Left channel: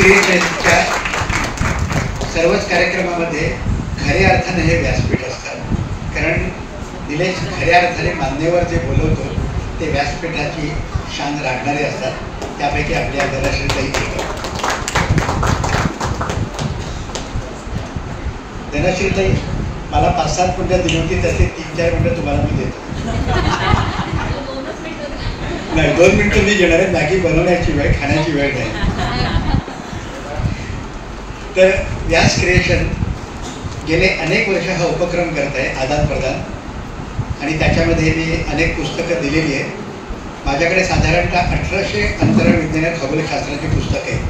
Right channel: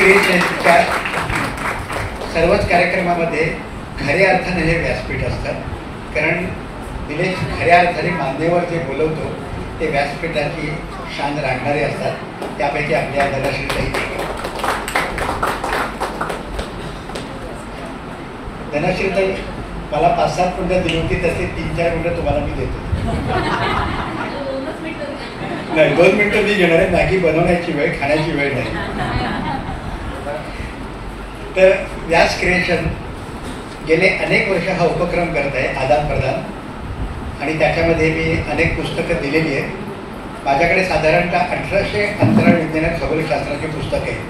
क्रिएशनच्या सर्वच कार्यक्रमामध्ये खऱ्या अर्थाने हे व्यासपीठ असतं, कारण निलेश खऱ्या अर्थाने मान्यवर जे बोलवतो ते व्यासपीठाची शान राखणारे असतात. त्यापैकी आपल्या धनश्रीताई मला 5-7 मिनिटं दिली होती, तसे 3-4 मिनिटं तुम्हाला मी देतो. नाही, 2 मिनिटं मी घेणार आहे. मॅगी बनवण्याची वेळ, खाण्याची वेळ नाही. तर व्यास क्रिएशन गेले अनेक वर्ष हा उपक्रम करत आहे, आदान प्रदान, आणि त्याच्यामध्ये मी अनेक पुस्तकं दिलेली आहेत. माझ्याकडे साधारणतः 1800 अंतराळ विज्ञान खगोलशास्त्राची पुस्तकं आहेत.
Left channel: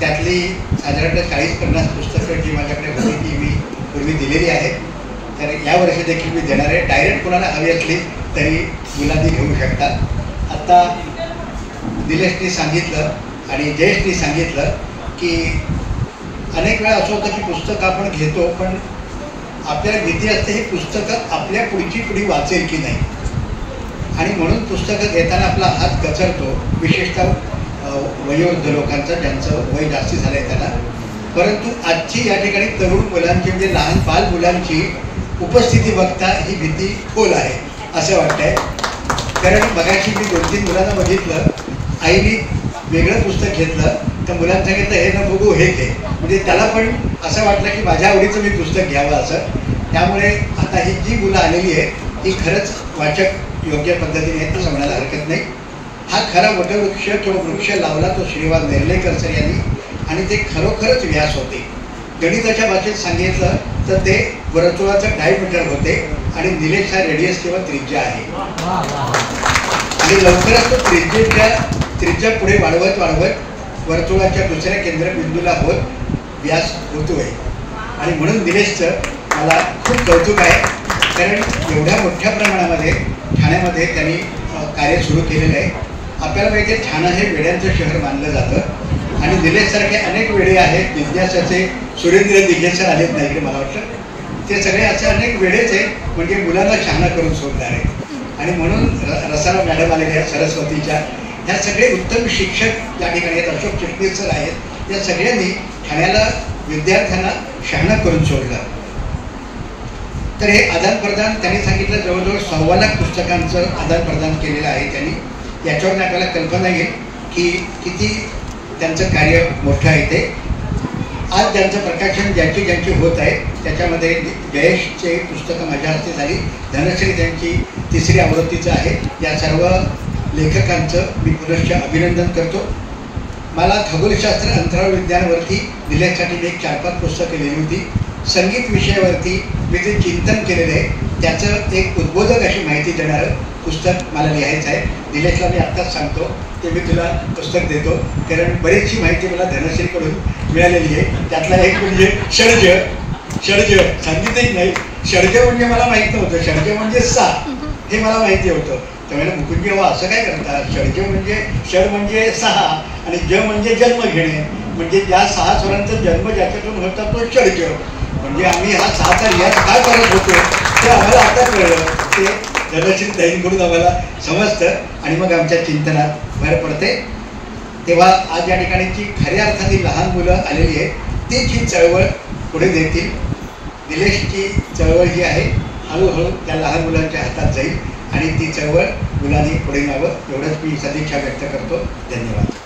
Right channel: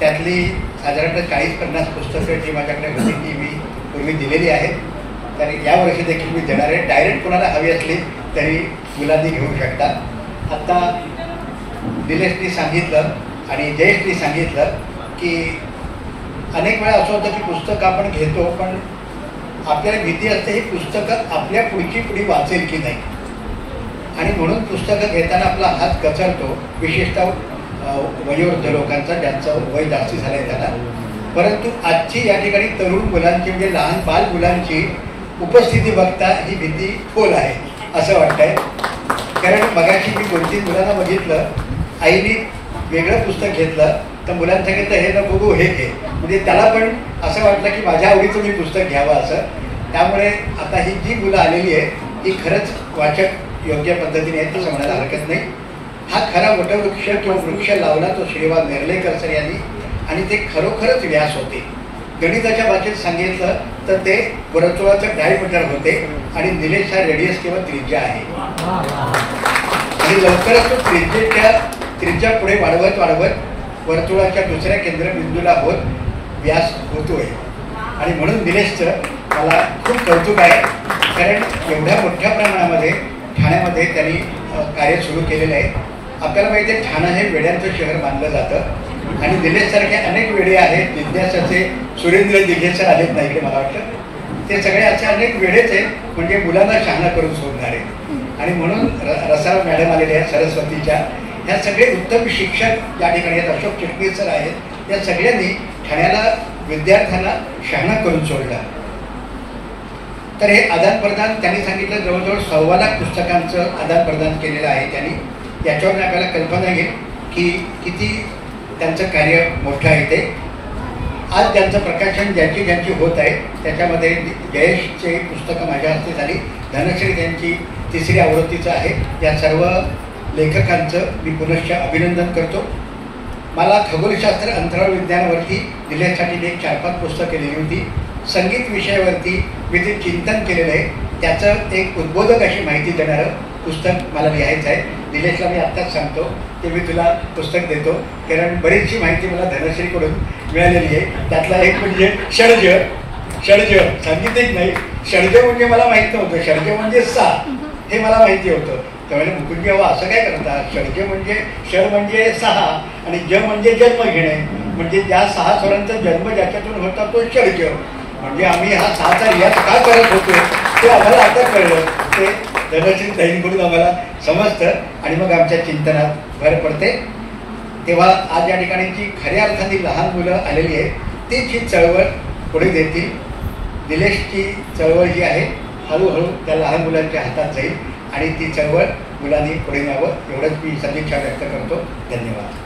त्यातली साधारणतः 40-50 पुस्तकं जी माझ्याकडे होती ती मी पूर्वी दिलेली आहेत. तर यावर्षी देखील मी देणार आहे. डायरेक्ट कोणाला हवी असली तरी मुलांनी घेऊ शकतात. आता निलेशनी सांगितलं आणि जयेशनी सांगितलं की अनेक वेळा असं होतं की पुस्तकं आपण घेतो, पण आपल्याला भीती असते ही पुस्तकं आपल्या पुढची पिढी वाचेल की नाही, आणि म्हणून पुस्तकं घेताना आपला हात कचरतो, विशेषतः वयोवृद्ध लोकांचा, ज्यांचं वय जास्ती झालं आहे त्यांना. परंतु आजची या ठिकाणी तरुण मुलांची, म्हणजे लहान बाल मुलांची उपस्थिती बघता ही भीती खोल आहे असं वाटतंय. कारण मगाशी मी 2-3 मुलांना बघितलं, आईने वेगळं पुस्तक घेतलं तर मुलांना सांगितलं हे न बघू हे घे, म्हणजे त्याला पण असं वाटलं की माझ्या आवडीचं मी पुस्तक घ्यावं असं. त्यामुळे आता ही जी मुलं आलेली आहे ही खरंच वाचक योग्य पद्धतीने आहेत असं म्हणायला हरकत नाही. हा खरा वटवृक्ष किंवा वृक्ष लावला तो श्रीवाद नेर्लेकर सर यांनी, आणि ते खरोखरच व्यास होते. गणिताच्या भाषेत सांगितलं तर ते वर्तुळाचं डायमीटर होते, आणि निलेश हा रेडियस किंवा त्रिज्या आहे. आणि लवकरच तो त्रिज्या पुढे वाढवत वर्तुळाच्या दुसऱ्या केंद्रबिंदूला होत व्यास होतोय. आणि म्हणून निलेशचं मला खूप कौतुक आहे, कारण एवढ्या मोठ्या प्रमाणामध्ये ठाण्यामध्ये त्यांनी कार्य सुरू केलेलं आहे. आपल्याला माहिती आहे ठाणं हे वेड्यांचं शहर मानलं जातं, आणि निलेशसारखे अनेक वेडे आहेत. विद्यासाचे सुरेंद्र दिघे सर आलेत नाही इकडे, मला वाटतं ते सगळे असे अनेक वेडेच आहेत, म्हणजे मुलांना शहाणा करून सोडणारे. आणि म्हणून रसाळ मॅडम आलेले आहेत सरस्वतीच्या, ह्या सगळे उत्तम शिक्षक या ठिकाणी आहेत. अशोक चिटणीस सर आहेत. या सगळ्यांनी ठाण्याला विद्यार्थ्यांना शहाणा करून सोडलं. तर हे आदान प्रदान त्यांनी सांगितलं जवळजवळ 1.25 लाख पुस्तकांचं आदान प्रदान केलेलं आहे त्यांनी. याच्यावरून आपल्याला कल्पना येईल की किती त्यांचं कार्य मोठं आहे ते. आज त्यांचं प्रकाशन ज्यांची होत आहे त्याच्यामध्ये जयेशचे पुस्तकं माझ्या हस्ते झाली, धनश्री त्यांची 3री आवृत्तीचं आहे. या सर्व लेखकांचं मी पुनश्च अभिनंदन करतो. मला खगोलशास्त्र अंतराळ विज्ञानावरती दिल्यासाठी मी 4-5 पुस्तकं लिहिली होती. संगीत विषयावरती मी जे चिंतन केलेलं आहे त्याचं एक उद्बोधक अशी माहिती देणारं पुस्तक मला लिहायचं आहे. निलेशला मी आत्ताच सांगतो ते मी तुला पुस्तक देतो, कारण बरीचशी माहिती मला धनश्रीकडून मिळालेली आहे. त्यातला एक म्हणजे षड्ज, संगीतच नाही, षड्ज म्हणजे मला माहीत नव्हतं. षड्ज म्हणजे 6 हे मला माहिती होतं. त्यावेळेला मुकुंद असं काय करतात, षड्ज म्हणजे षड म्हणजे 6 आणि ज म्हणजे जन्म घेणे, म्हणजे ज्या 6 स्वरांचा जन्म ज्याच्यातून होता तो षड्ज. म्हणजे आम्ही हा 6चा रियाज का करत होतो ते आम्हाला आता कळलं. ते धनश्री ताईंकडून आम्हाला समजतं, आणि मग आमच्या चिंतनात भर पडते. तेव्हा आज या ठिकाणी जी खऱ्या अर्थाने लहान मुलं आलेली आहेत तीच ही चळवळ पुढे देतील. निलेशची चळवळ जी आहे हळूहळू त्या लहान मुलांच्या हातात जाईल, आणि ती चळवळ मुलांनी पुढे न्यावं एवढंच मी सदिच्छा व्यक्त करतो. धन्यवाद.